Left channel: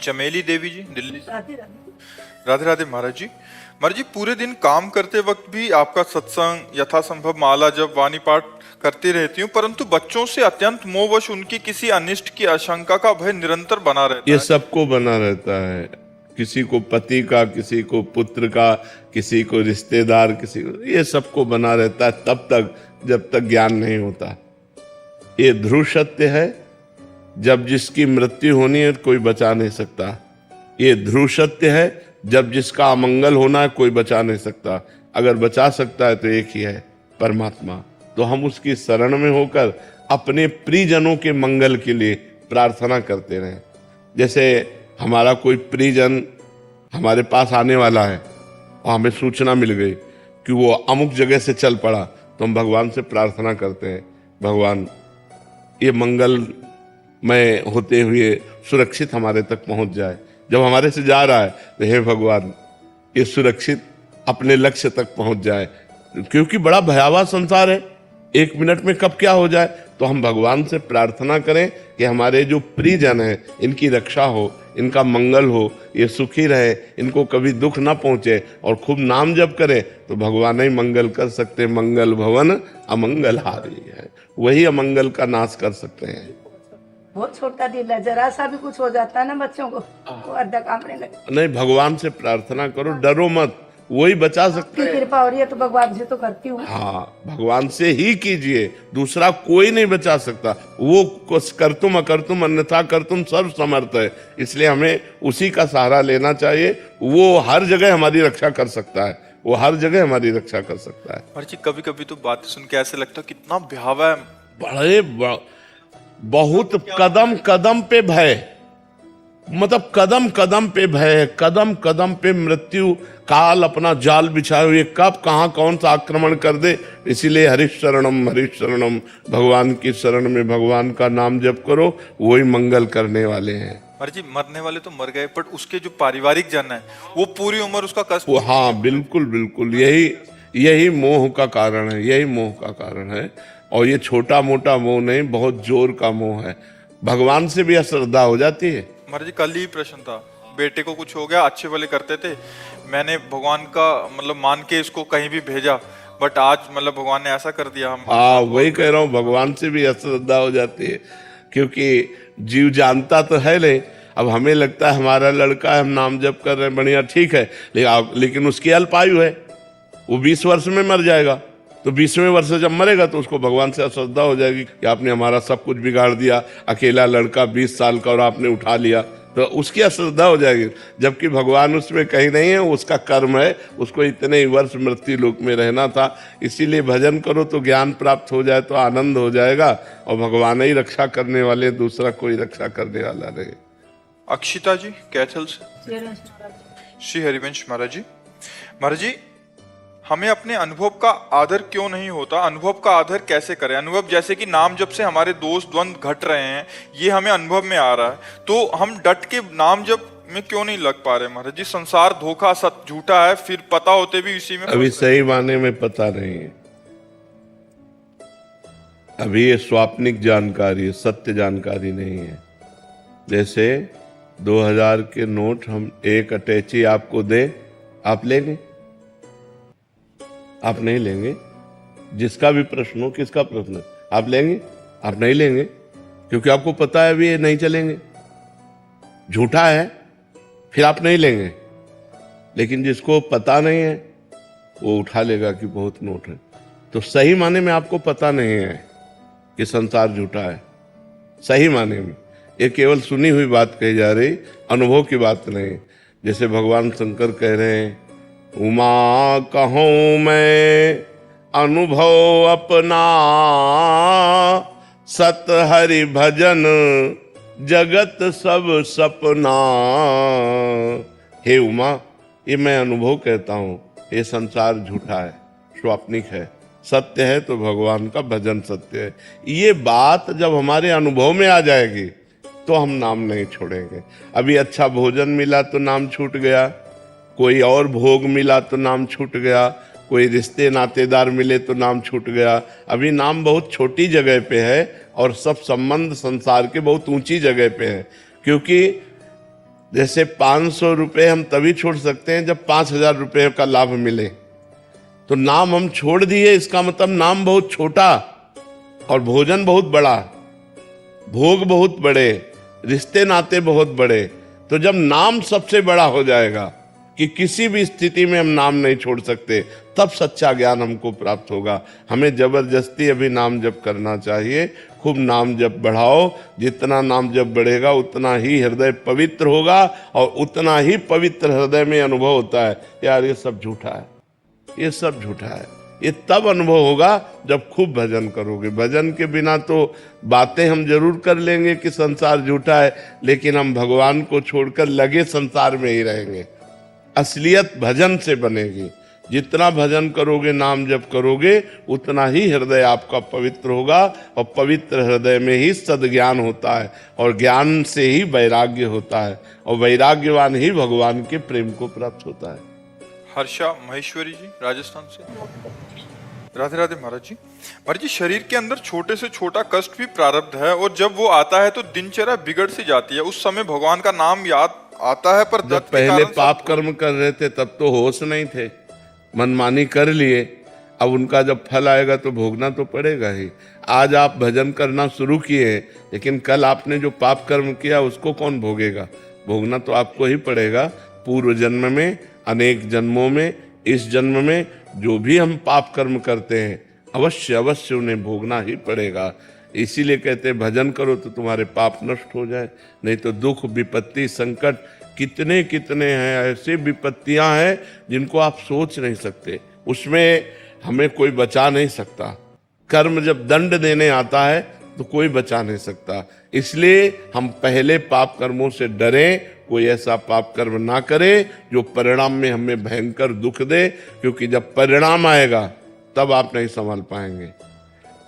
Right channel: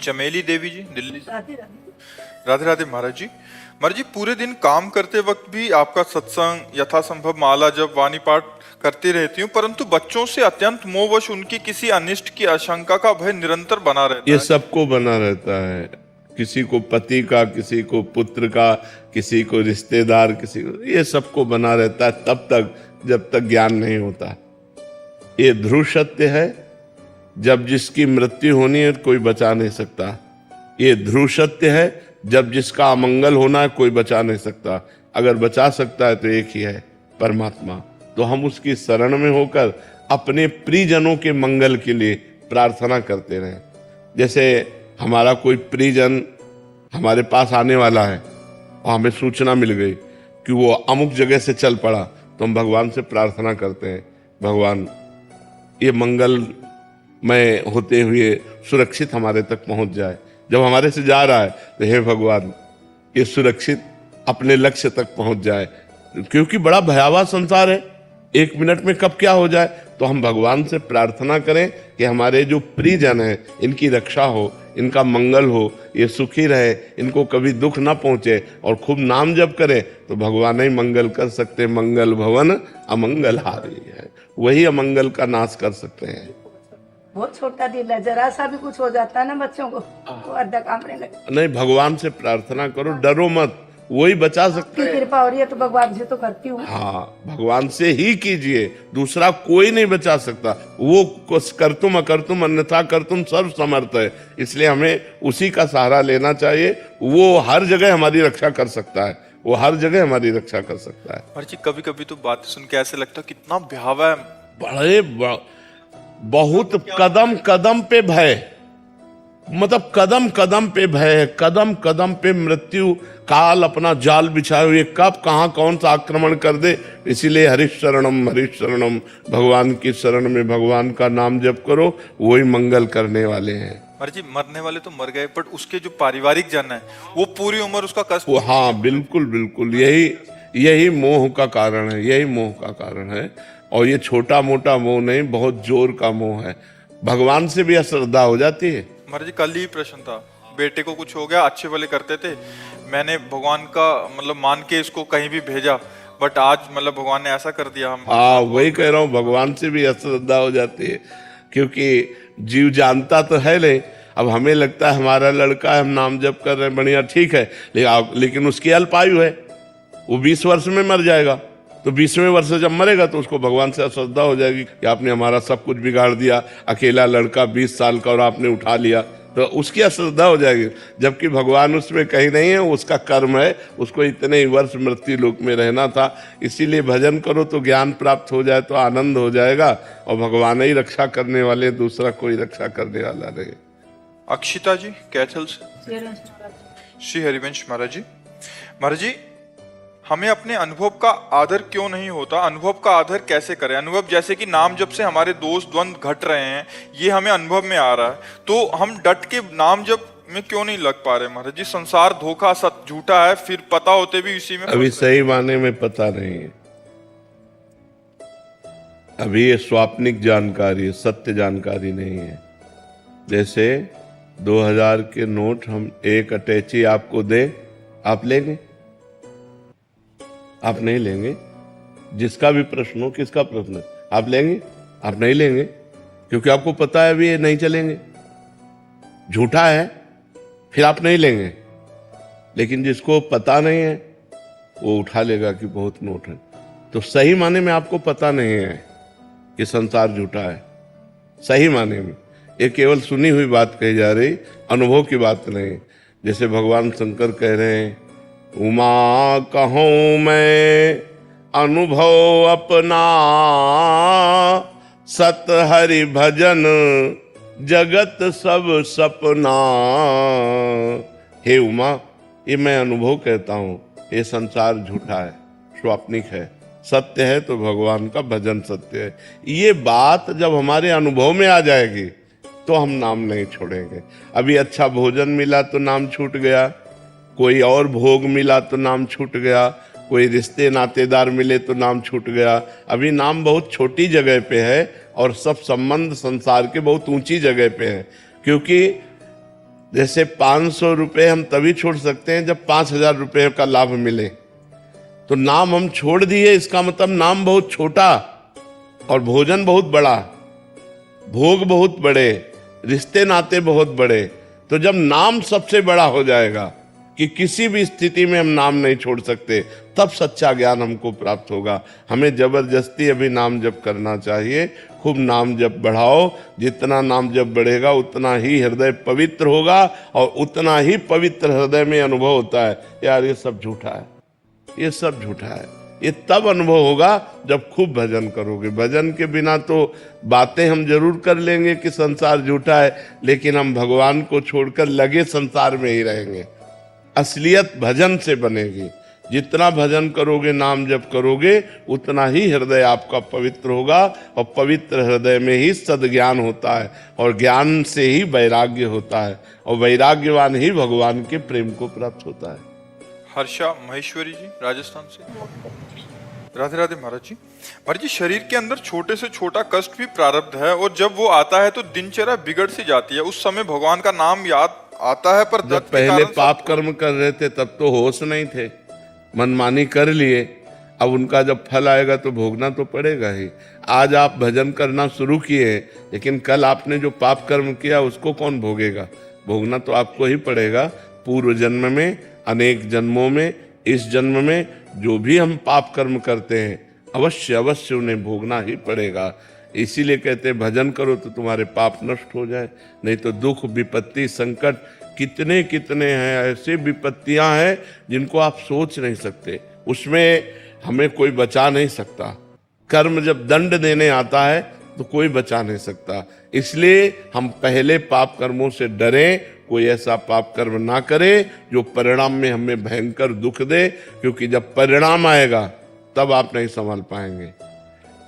चमेली देवी जी, दिल्ली से। राधे राधे महाराज जी। महाराज जी, पूरे दिन काम करते वक्त भी आपका सत्संग यथासंभव माला जप वाणी पाठ करती रहती हूँ, परंतु बच्चों से अत्यंत मोहवश उनकी किसी अनिष्ट की आशंका का भय निरंतर बना रहता ये है। सबको बना रहता है, किसी को पति का, किसी को पुत्र का, किसी को रिश्तेदार, किसी को, ये सबको बना रहता है तब तक जब तक ज्ञान नहीं होता। ये ध्रुव सत्य है, जब जिसकी मृत्यु होनी है कोई बचा नहीं सकता है। ये ध्रुव सत्य है, जब जिसका अमंगल होना है कोई बचा नहीं सकता। अगर बचा सकता है तो एक ही है, परमात्मा। तो हम उसके शरण में होकर अपने प्रियजनों के मंगल के लिए प्रार्थना करते रहें। जैसे हमारा कोई प्रियजन हमारे पास आने वाला है, हमें सूचना मिल गई कि वो अमुक जगह से चल पड़ा, तो हम भगवान से प्रार्थना करते हैं, भगवान ये मंगलमय होते हुए सुरक्षित हमारे तक पहुंच जाए। जब हमारे से जा रहा है तो हे भगवान ये सुरक्षित अपने लक्ष्य तक पहुंच जाए, क्योंकि बड़ा भयावह संसार है, एक मिनट में कब क्या हो जाए। तो हम भगवान से प्रार्थना करें कि हमारे जो प्रियजन है इनकी रक्षा हो, इनका मंगल हो, ये सुखी रहे, इनको कभी दुख ना पहुंचे, और खूब नाम जप करें तो भगवान ही मंगल कर सकते। मंगल भवन अमंगल हारी है, वही अमंगल का नाश कर सकते हैं। बहुत छोटा दिल है, जरा सा भी कुछ हो जाता है ना बच्चों को तो अड्डा कांपने लगता। नहीं, भगवान से प्रार्थना करो, डरो मत, वही बचा सकते हैं। कृपा हो रही है तो भगवान से तो करती हूँ। हाँ, भगवान से ही कीजिए, दूसरा कोई नहीं बचा सकता। वो कुछ कर तुम अकर तुम अन्यथा कर तुम सर्व समर्थ है, इसलिए हमें उसी का सहारा लेना चाहिए। वो हर जगह हमारी रक्षा कर सकता है, वो हर जगह हमारी रक्षा कर सकता है। महाराज जी, कभी कभी तो बात सुन के ऐसे लगता है कितना भयावह बहुत कदम कदम पे भय, मतलब कदम कदम पे भय, कदम कदम पे मृत्यु काल अपना जाल बिछाए हुए कब कहाँ कौन सा आक्रमण कर दे। इसीलिए हरिशरणम हरिशरणम, भगवान की शरण में भगवान का नाम जप करो, वही मंगल करने वाले हैं। महाराज जी, मरने वाले तो मर गए, बट उसके जो पारिवारिक जन है वो पूरी उम्र उसका कष्ट। हाँ बिल्कुल बिल्कुल, यही मोह का कारण है, यही मोह का कारण है। और ये छोटा मोटा मोह नहीं, बहुत जोर का मोह है। भगवान से भी अश्रद्धा हो जाती है। महाराज जी, कल ही प्रश्न था, बेटे को कुछ हो गया, अच्छे वाले करते थे, मैंने भगवान का मतलब मान के इसको कहीं भी भेजा, बट आज मतलब भगवान ने ऐसा कर दिया। हम हाँ वही कह रहा हूँ, भगवान से भी अश्रद्धा हो जाती है, क्योंकि जीव जानता तो है नहीं। अब हमें लगता है हमारा लड़का है, हम नाम जप कर रहे हैं, बढ़िया ठीक है, लेकिन उसकी अल्पायु है, वो 20 वर्ष में मर जाएगा। तो 20वें वर्ष जब मरेगा तो उसको भगवान से अश्रद्धा हो जाएगी कि आपने हमारा सब कुछ बिगाड़ दिया, अकेला लड़का 20 साल का और आपने उठा लिया, तो उसकी अश्रद्धा हो जाएगी। जबकि भगवान उसमें कहीं नहीं है, उसका कर्म है, उसको इतने ही वर्ष मृत्यु लोक में रहना था। इसीलिए भजन करो तो ज्ञान प्राप्त हो जाए तो आनंद हो जाएगा, और भगवान ही रक्षा करने वाले, दूसरा कोई रक्षा करने वाला नहीं। अक्षिता जी कैथल से। श्री हरिवंश महाराज जी। महाराज जी, हमें अपने अनुभव का आदर क्यों नहीं होता? अनुभव का आदर कैसे करें? अनुभव जैसे कि नाम जप से हमारे दोष द्वंद घट रहे हैं, ये हमें अनुभव में आ रहा है, तो हम डट के नाम जप में क्यों नहीं लग पा रहे? महाराज जी, संसार धोखा सत झूठा है, फिर पता होते भी इसी में अभी सही माने में पता नहीं है, अभी ये स्वाप्निक जानकारी, सत्य जानकारी नहीं है। जैसे 2000 के नोट हम एक अटैची आपको दें, आप लेंगे? आप नहीं लेंगे। जिसका भी प्रश्न हो, किसका प्रश्न, आप लेंगे? आप नहीं लेंगे, क्योंकि आपको पता है भी ये नहीं चलेंगे, झूठा है, फिर आप नहीं लेंगे। लेकिन जिसको पता नहीं है वो उठा लेगा कि बहुत नोट है। तो सही माने में आपको पता नहीं है कि संसार झूठा है, सही माने में। ये केवल सुनी हुई बात कही जा रही, अनुभव की बात नहीं। जैसे भगवान शंकर कह रहे हैं, उमा कहूं मैं अनुभव अपना, सत हरि भजन जगत सब सपना। हे उमा, ये मैं अनुभव कहता हूँ, ये संसार झूठा है, स्वाप्निक है, सत्य है तो भगवान का भजन सत्य है। ये बात जब हमारे अनुभव में आ जाएगी तो हम नाम नहीं छोड़ेंगे। अभी अच्छा भोजन मिला तो नाम छूट गया, कोई और भोग मिला तो नाम छूट गया, कोई रिश्ते नातेदार मिले तो नाम छूट गया। अभी नाम बहुत छोटी जगह पे है और सब संबंध संसार के बहुत ऊंची जगह पे है, क्योंकि जैसे 500 रुपए हम तभी छोड़ सकते हैं जब 5,000 रुपए का लाभ मिले। तो नाम हम छोड़ दिए, इसका मतलब नाम बहुत छोटा और भोजन बहुत बड़ा, भोग बहुत बड़े, रिश्ते नाते बहुत बड़े। तो जब नाम सबसे बड़ा हो जाएगा कि किसी भी स्थिति में हम नाम नहीं छोड़ सकते, तब सच्चा ज्ञान हमको प्राप्त होगा। हमें जबरदस्ती अभी नाम जप करना चाहिए, खूब नाम जप बढ़ाओ। जितना नाम जप बढ़ेगा उतना ही हृदय पवित्र होगा और उतना ही पवित्र हृदय में अनुभव होता है यार ये सब झूठा है, ये सब झूठा है। ये तब अनुभव होगा जब खूब भजन करोगे। भजन के बिना तो बातें हम जरूर कर लेंगे कि संसार झूठा है, लेकिन हम भगवान को छोड़कर लगे संसार में ही रहेंगे। असलियत भजन से बनेगी। जितना भजन करोगे, नाम जप करोगे, उतना ही हृदय आपका पवित्र होगा और पवित्र हृदय में ही सद्ज्ञान होता है और ज्ञान से ही वैराग्य होता है और वैराग्यवान ही भगवान के प्रेम को प्राप्त होता है। हर्षा महेश्वरी जी राजस्थान से। राधे राधे महाराज जी। महाराज जी, शरीर के अंदर छोटे से छोटा कष्ट भी प्रारब्ध है और जब वो आता है तो दिनचर्या बिगड़ सी जाती है। उस समय भगवान का नाम याद आता है, पर जब पहले पाप कर्म कर रहे थे तब तो होश नहीं थे, मनमानी कर लिए। अब उनका जब फल आएगा तो भोगना तो पड़ेगा ही। आज आप भजन करना शुरू किए हैं, लेकिन कल आपने जो पाप कर्म किया उसको कौन भोगेगा? भोगना तो आपको ही पड़ेगा। पूर्व जन्म में, अनेक जन्मों में, इस जन्म में जो भी हम पाप कर्म करते हैं अवश्य अवश्य उन्हें भोगना ही पड़ेगा। इसीलिए कहते हैं भजन करो तो तुम्हारे पाप नष्ट हो जाए, नहीं तो दुख विपत्ति संकट कितने कितने हैं। ऐसे विपत्तियां हैं जिनको आप सोच नहीं सकते, उसमें हमें कोई बचा नहीं सकता। कर्म जब दंड देने आता है तो कोई बचा नहीं सकता। इसलिए हम पहले पाप कर्मों से डरें, कोई ऐसा पाप कर्म ना करे जो परिणाम में हमें भयंकर दुख दे, क्योंकि जब परिणाम आएगा तब आप नहीं संभल पाएंगे।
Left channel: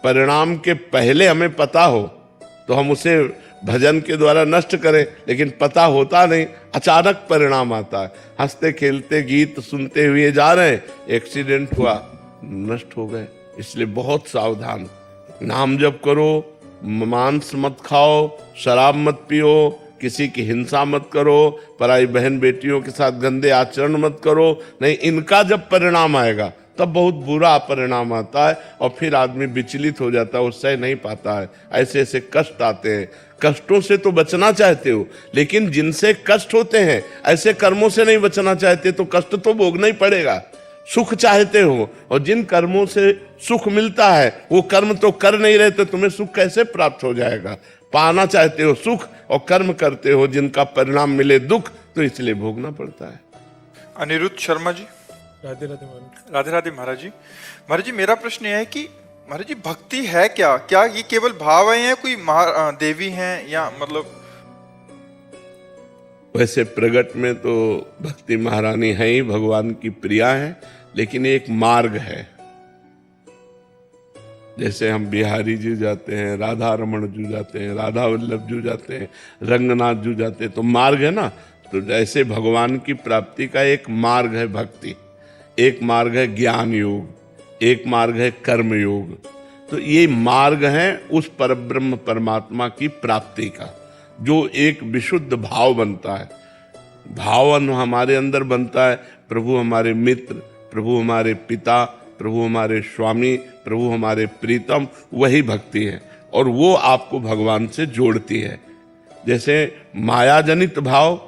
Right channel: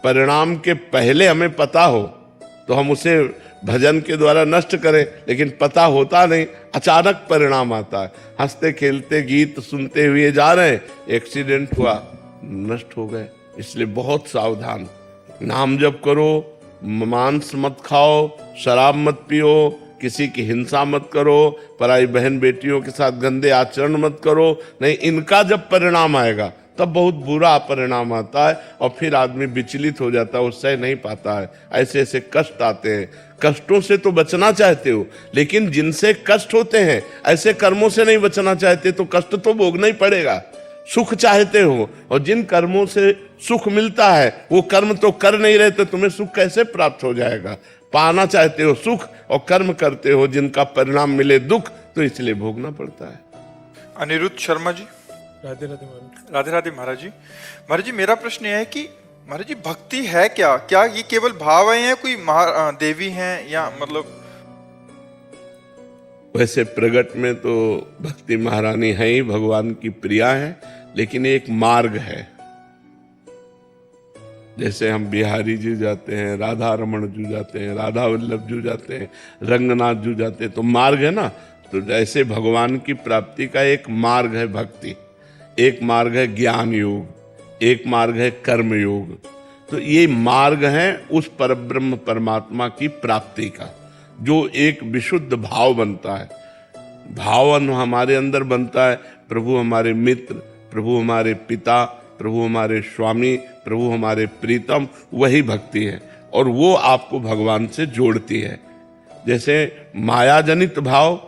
परिणाम के पहले हमें पता हो तो हम उसे भजन के द्वारा नष्ट करें, लेकिन पता होता नहीं, अचानक परिणाम आता है। हंसते खेलते गीत सुनते हुए जा रहे हैं, एक्सीडेंट हुआ, नष्ट हो गए। इसलिए बहुत सावधान। नाम जप करो, मांस मत खाओ, शराब मत पियो, किसी की हिंसा मत करो, पराई बहन बेटियों के साथ गंदे आचरण मत करो। नहीं, इनका जब परिणाम आएगा तब बहुत बुरा परिणाम आता है और फिर आदमी विचलित हो जाता है, उससे नहीं पाता है। ऐसे ऐसे कष्ट आते हैं। कष्टों से तो बचना चाहते हो, लेकिन जिनसे कष्ट होते हैं ऐसे कर्मों से नहीं बचना चाहते, तो कष्ट तो भोगना ही पड़ेगा। सुख चाहते हो और जिन कर्मों से सुख मिलता है वो कर्म तो कर नहीं रहे, तो तुम्हें सुख कैसे प्राप्त हो जाएगा? पाना चाहते हो सुख और कर्म करते हो जिनका परिणाम मिले दुख, तो इसलिए भोगना पड़ता है। अनिरुद्ध शर्मा जी। राधे राधे महाराज। राधे राधे महाराज जी। महाराज जी, मेरा प्रश्न यह है कि महाराज जी भक्ति है क्या? क्या ये केवल भाव है या कोई देवी है, या मतलब ऐसे प्रगट में तो भक्ति महारानी है ही, भगवान की प्रिया है, लेकिन एक मार्ग है। जैसे हम बिहारी जी जाते हैं, राधा रमन जी जाते हैं, राधा वल्लभ जी जाते हैं, रंगनाथ जी जाते हैं, तो मार्ग है ना। तो जैसे भगवान की प्राप्ति का एक मार्ग है भक्ति, एक मार्ग है ज्ञान योग, एक मार्ग है कर्म योग। तो ये मार्ग है उस परब्रह्म परमात्मा की प्राप्ति का, जो एक विशुद्ध भाव बनता है। भाव हमारे अंदर बनता है, प्रभु हमारे मित्र, प्रभु हमारे पिता, प्रभु हमारे स्वामी, प्रभु हमारे प्रीतम, वही भक्ति है और वो आपको भगवान से जोड़ती है। जैसे माया जनित भाव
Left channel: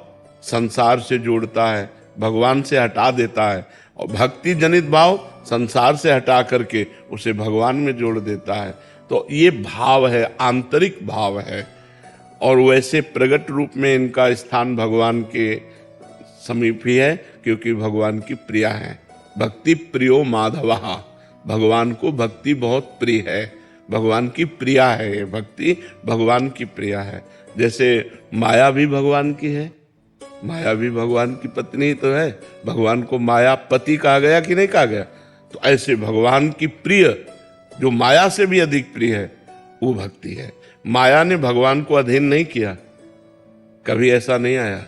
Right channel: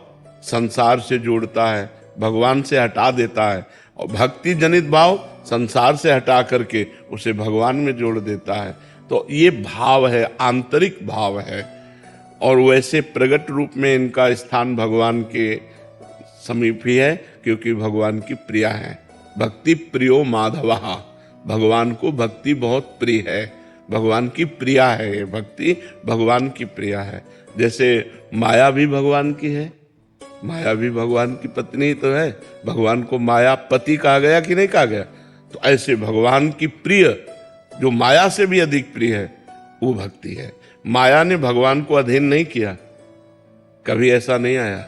संसार से जोड़ता है, भगवान से हटा देता है, और भक्ति जनित भाव संसार से हटा करके उसे भगवान में जोड़ देता है। तो ये भाव है, आंतरिक भाव है, और वैसे प्रगट रूप में इनका स्थान भगवान के समीप ही है, क्योंकि भगवान की प्रिया है। भक्ति प्रियो माधवा, भगवान को भक्ति बहुत प्रिय है, भगवान की प्रिया है। ये भक्ति भगवान की प्रिया है। जैसे माया भी भगवान की है, माया भी भगवान की पत्नी तो है, भगवान को माया पति कहा गया कि नहीं कहा गया? तो ऐसे भगवान की प्रिय, जो माया से भी अधिक प्रिय है, वो भक्ति है। माया ने भगवान को अधीन नहीं किया, कभी ऐसा नहीं आया।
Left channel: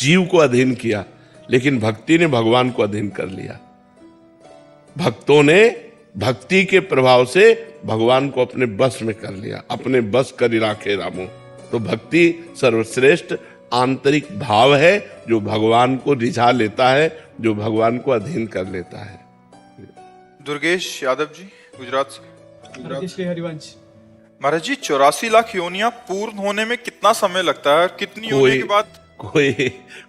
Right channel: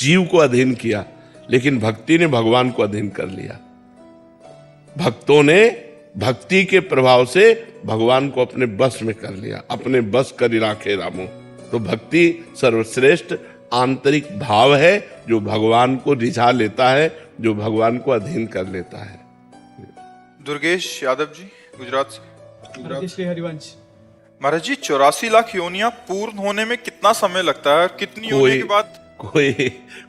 जीव को अधीन किया, लेकिन भक्ति ने भगवान को अधीन कर लिया। भक्तों ने भक्ति के प्रभाव से भगवान को अपने बस में कर लिया, अपने बस कर राखे रामो। तो भक्ति सर्वश्रेष्ठ आंतरिक भाव है जो भगवान को रिझा लेता है, जो भगवान को अधीन कर लेता है। दुर्गेश यादव जी, गुजरात से। श्री हरिवंश। महाराज जी, 84 लाख योनियां पूर्ण होने में कितना समय लगता है और कितनी योनि के बाद?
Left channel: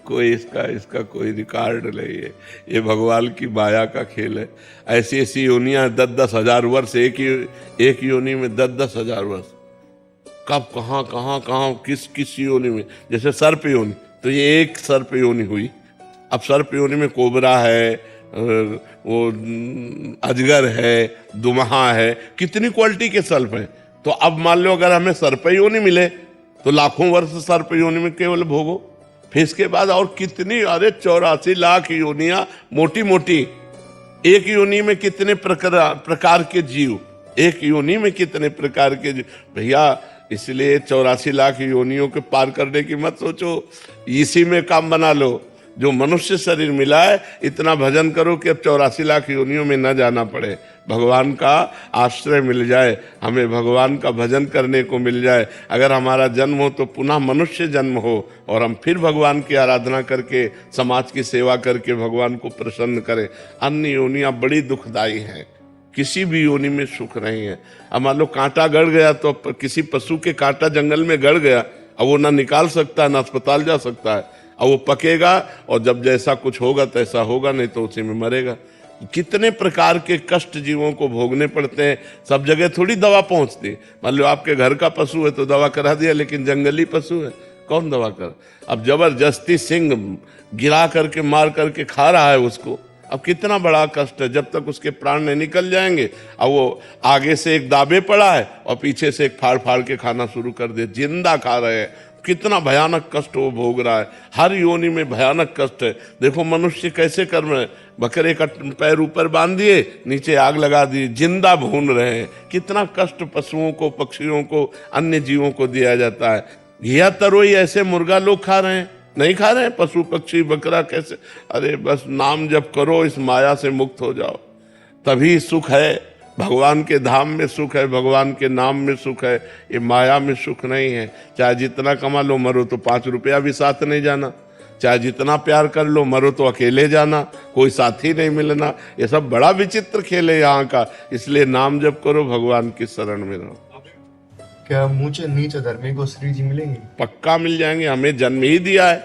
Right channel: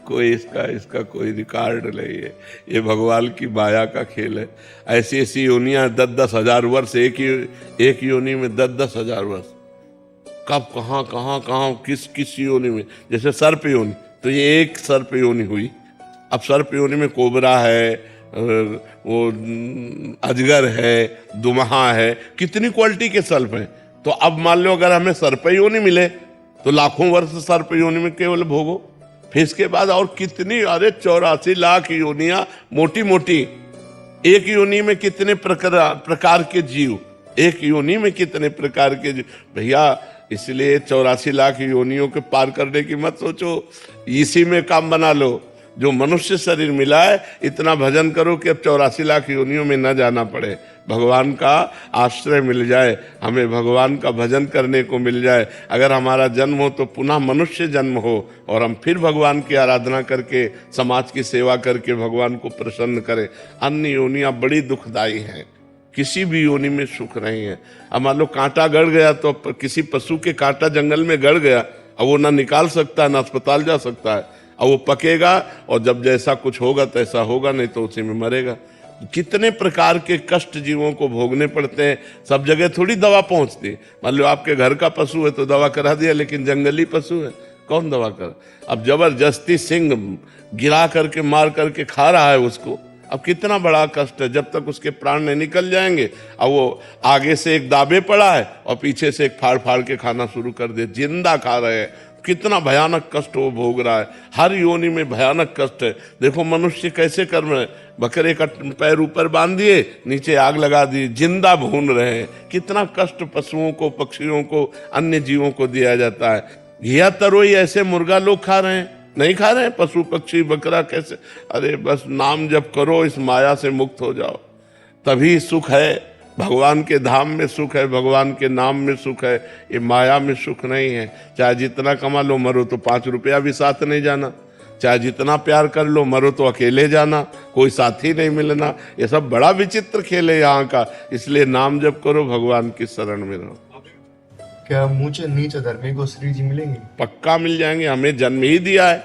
कोई इसका कोई रिकॉर्ड नहीं है। ये भगवान की माया का खेल है। ऐसी ऐसी योनियां 10-10 हजार वर्ष, एक योनि में 10-10 हजार वर्ष। कब कहाँ किस योनि में, जैसे सर्प योनि, तो ये एक सर्प योनि हुई। अब सर्प योनि में कोबरा है, वो अजगर है, दुमहा है, कितनी क्वालिटी के सर्प है। तो अब मान लो अगर हमें सर्प योनि मिले तो लाखों वर्ष सर्प योनि में केवल भोगो। फिर इसके बाद और कितनी, अरे 84 लाख योनियां मोटी मोटी। एक योनि में कितने प्रकार के जीव, एक योनि में कितने प्रकार के जीव भैया। इसलिए 84 लाख योनियों के पार करने की मत सोचो, इसी में काम बना लो। जो मनुष्य शरीर मिला है, इतना भजन करो कि अब 84 लाख योनियों में न जाना पड़े, भगवान का आश्रय मिल जाए, हमें भगवान का भजन करने को मिल जाए। अगर हमारा जन्म हो तो पुनः मनुष्य जन्म हो और हम फिर भगवान की आराधना करके, समाज की सेवा करके भगवान को प्रसन्न करें। अन्य योनियां बड़ी दुखदाई हैं, किसी भी योनि में सुख नहीं है। अब मान लो कांटा गड़ गया, तो किसी पशु के कांटा जंगल में गड़ गया, अब वो ना निकाल सकता है ना अस्पताल जा सकता है। अब वो पकेगा और जब जैसा कुछ होगा तैसा होगा, नहीं तो उसी में मरेगा। कितने प्रकार के कष्ट जीवों को भोगने पड़ते हैं। सब जगह थोड़ी दवा पहुंचती। मान लो आपके घर का पशु है तो दवा करा दिया, लेकिन जंगली पशु है, कौन दवा का? अब जबरदस्ती सिंह गिरा करके मार करके खा रहा है उसको। अब कितना बड़ा कष्ट है, जब तक उसके प्राण नहीं निकल जाएंगे। अब वो आगे से एक दाबे पड़ा है और पीछे से एक फाड़ फाड़ के खाना शुरू कर दे, जिंदा खा रहे हैं। कितना भयानक कष्ट वो भोग रहा है। हर योनि में भयानक कष्ट है। देखो मनुष्य कैसे कर रहे हैं, बकरे का पैर ऊपर बांध दिए, नीचे आग लगा दी, जिंदा भून रहे हैं। कितना कष्ट पशुओं को, पक्षियों को, अन्य जीवों को दिया जाता है। घिया तरोई ऐसे मुर्गा लोग खा रहे हैं, नहीं खा रहे हैं पशु पक्षी बकरा कैसे? अरे बस नाम जप करो, इस माया से मुक्त हो जाओ, तभी सुख है। भगवान के धाम में सुख है, भगवान के नाम में सुख है। ये माया में सुख नहीं है। चाहे जितना कमा लो, मरो तो 5 रुपया भी साथ नहीं जाना। चाहे जितना प्यार कर लो, मरो तो अकेले जाना, कोई साथी नहीं मिलना। ये सब बड़ा विचित्र खेल है यहाँ का। इसलिए नाम जप करो, भगवान की शरण में रहो। क्या ऊंचे नीचे धर्मी को श्री जी मिलेंगे? पक्का मिल जाएंगे। हमें जन्म ही दिया है,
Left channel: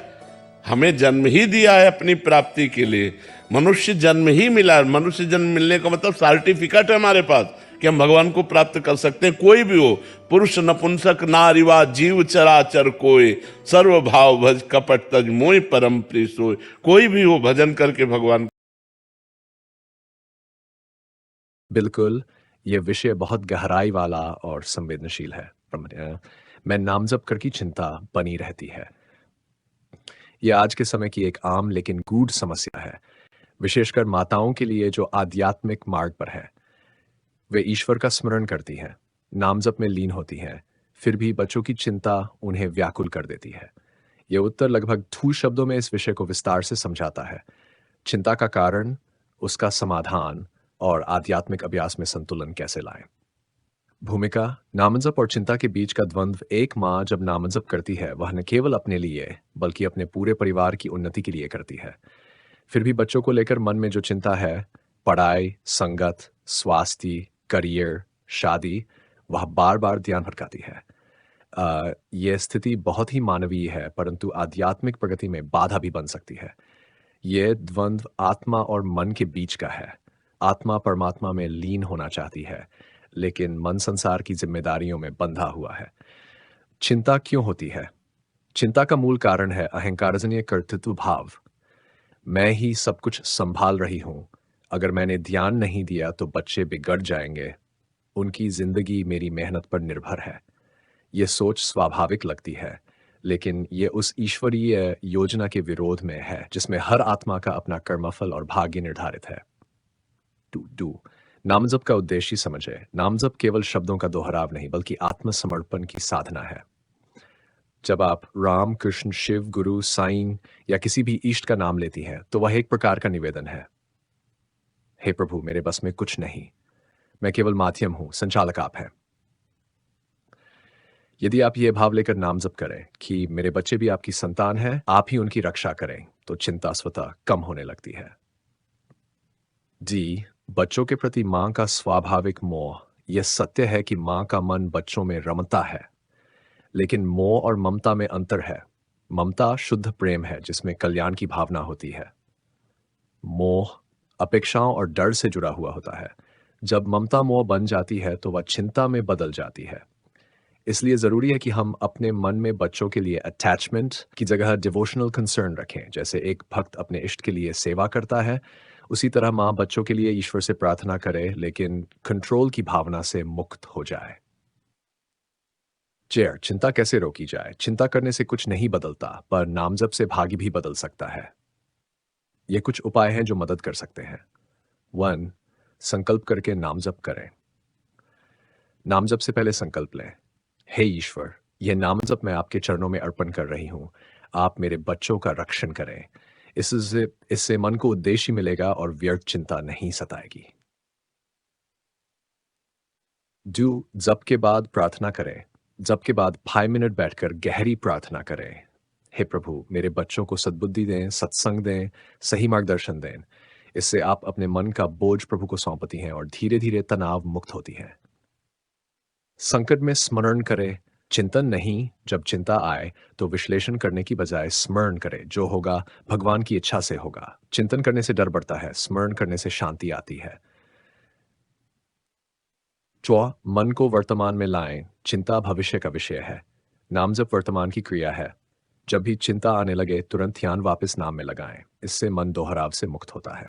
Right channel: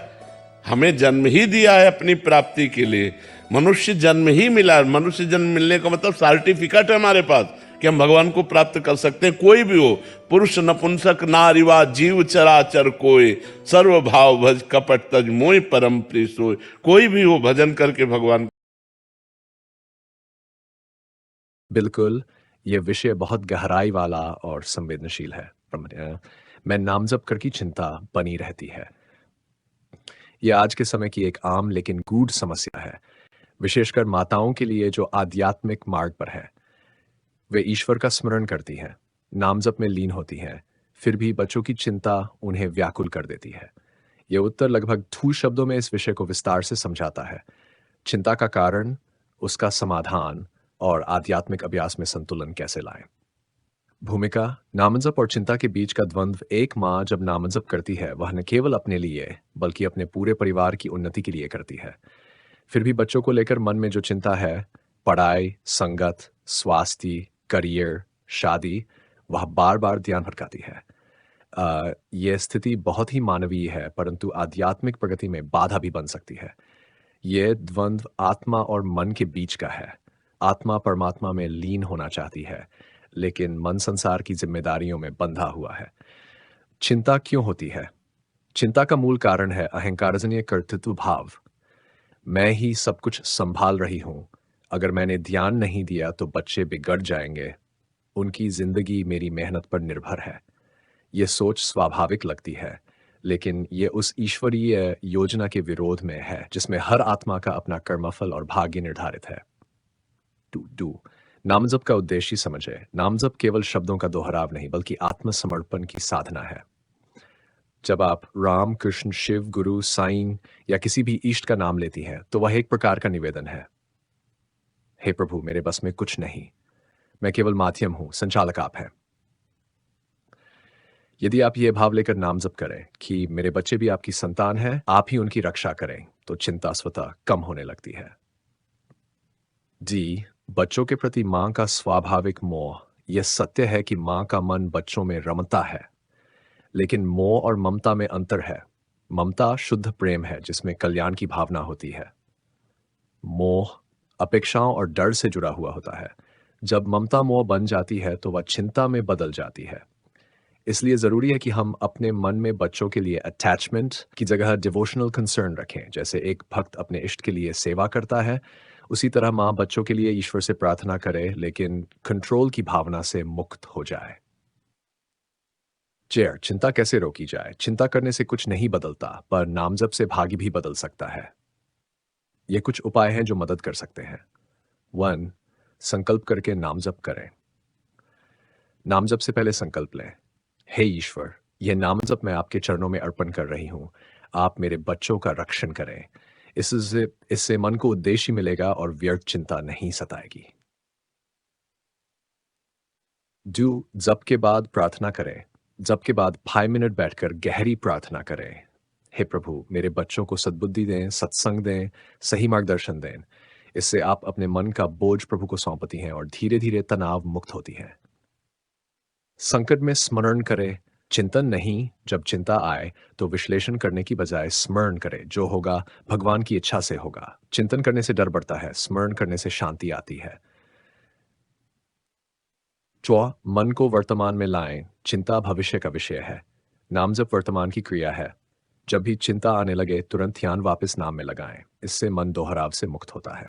हमें जन्म ही दिया है अपनी प्राप्ति के लिए। मनुष्य जन्म ही मिला है। मनुष्य जन्म मिलने का मतलब सर्टिफिकेट है हमारे पास कि हम भगवान को प्राप्त कर सकते हैं। कोई भी हो, पुरुष नपुंसक नारीवा जीव चराचर कोई, सर्व भाव भज कपट तज मोय परम प्रिय सोय। कोई भी हो, भजन करके भगवान। बिल्कुल, ये विषय बहुत गहराई वाला और संवेदनशील है। मैं नाम जप कर की चिंता बनी रहती है। यह आज के समय की एक आम लेकिन गूढ़ समस्या है, विशेषकर माताओं के लिए जो आध्यात्मिक मार्ग पर है। वे ईश्वर का स्मरण करती हैं, नाम जप में लीन होती हैं, फिर भी बच्चों की चिंता उन्हें व्याकुल कर देती है। यह उत्तर लगभग 2 शब्दों में इस विषय को विस्तार से समझाता है। चिंता का कारण, उसका समाधान और आध्यात्मिक अभ्यास में संतुलन कैसे लाएं। भूमिका: नामजप और चिंता के बीच का द्वंद्व। एक माँ जब नामजप करती है, वह न केवल अपने लिए बल्कि अपने पूरे परिवार की उन्नति के लिए करती है। फिर भी बच्चों को लेकर मन में जो चिंता है, पढ़ाई, संगत, स्वास्थ्य, करियर, शादी, वह बार बार ध्यान भटकाती है। यह स्थिति बहुत ही मानवीय है, परंतु आध्यात्मिक प्रगति में बाधा भी बन सकती है। यह द्वंद्व आत्मा और मन के बीच का है। आत्मा परमात्मा में लीन होना चाहती है, लेकिन मन संसार की जिम्मेदारियों में बंधा हुआ है। चिंता क्यों होती है? चिंता का मूल कारण है अहंकारजन्य कर्तृत्व भाव। मैं ही सब कुछ संभाल रही हूं, अगर मैंने ध्यान नहीं दिया तो बच्चे बिगड़ जाएंगे, उनकी जिंदगी मेरी मेहनत पर निर्भर है। यह सोच स्वाभाविक लगती है, लेकिन यह उस ईश्वरीय योजना के विरोध में है जिसमें हर आत्मा का अपना कर्मफल और भाग्य निर्धारित है। नामजप का उद्देश्य समझे। नामजप केवल शब्दों का दोहराव नहीं, बल्कि आत्मसमर्पण की साधना है। जब आप राम, कृष्ण, शिव, गुरु, साईं या किसी भी इष्ट का नाम लेती हैं, तो वह एक प्रकार का निवेदन है। हे प्रभु, मेरे बस में कुछ नहीं, मैं केवल माध्यम हूं, संचालक आप हैं। यदि आप ये भाव लेकर नाम जप करें कि मेरे बच्चे भी आपकी संतान हैं, आप ही उनकी रक्षा करें, तो चिंता स्वतः कम होने लगती है। डी, बच्चों के प्रति मां का स्वाभाविक मोह। यह सत्य है कि मां का मन बच्चों में रमता है, लेकिन मोह और ममता में अंतर है। ममता शुद्ध प्रेम है जिसमें कल्याण की भावना होती है। मोह अपेक्षाओं और डर से जुड़ा हुआ होता है। जब ममता मोह बन जाती है तो वह चिंता में बदल जाती है। इसलिए जरूरी है कि हम अपने मन में बच्चों के लिए अटैचमेंट की जगह डिवोशनल कंसर्न रखें। जैसे एक भक्त अपने इष्ट के लिए सेवा करता है, उसी तरह माँ बच्चों के लिए ईश्वर से प्रार्थना करे, लेकिन कंट्रोल की भावना से मुक्त हो जाए। चेयर, चिंता कैसे रोकी जाए? चिंता करने से कुछ नहीं बदलता, पर नामजप से भाग्य भी बदल सकता है। ये कुछ उपाय हैं जो मदद कर सकते हैं। 1. संकल्प करके नामजप करें। नामजप से पहले संकल्प लें, हे ईश्वर, यह नामजप मैं आपके चरणों में अर्पण कर रही हूं। आप मेरे बच्चों का रक्षण करें। इससे मन को उद्देश्य मिलेगा और व्यर्थ चिंता नहीं सताएगी। 2. जप के बाद प्रार्थना करें। जप के बाद 5 मिनट बैठकर गहरी प्रार्थना करें। हे प्रभु, मेरे बच्चों को सद्बुद्धि दें, सत्संग दें, सही मार्गदर्शन दें। इससे आप अपने मन का बोझ प्रभु को सौंपती हैं और धीरे धीरे तनाव मुक्त होती हैं। संकट में स्मरण करें, चिंतन नहीं। जब चिंता आए तो विश्लेषण करने की बजाय स्मरण करें। जो होगा भगवान की इच्छा से होगा। चिंतन करने से डर बढ़ता है, स्मरण करने से शांति आती है। 4. मन को वर्तमान में लाएं। चिंता भविष्य का विषय है, नामजप वर्तमान की क्रिया है। जब भी चिंता आने लगे तुरंत ध्यान वापस नाम में लगाएं। इससे मन दोहराव से मुक्त होता है।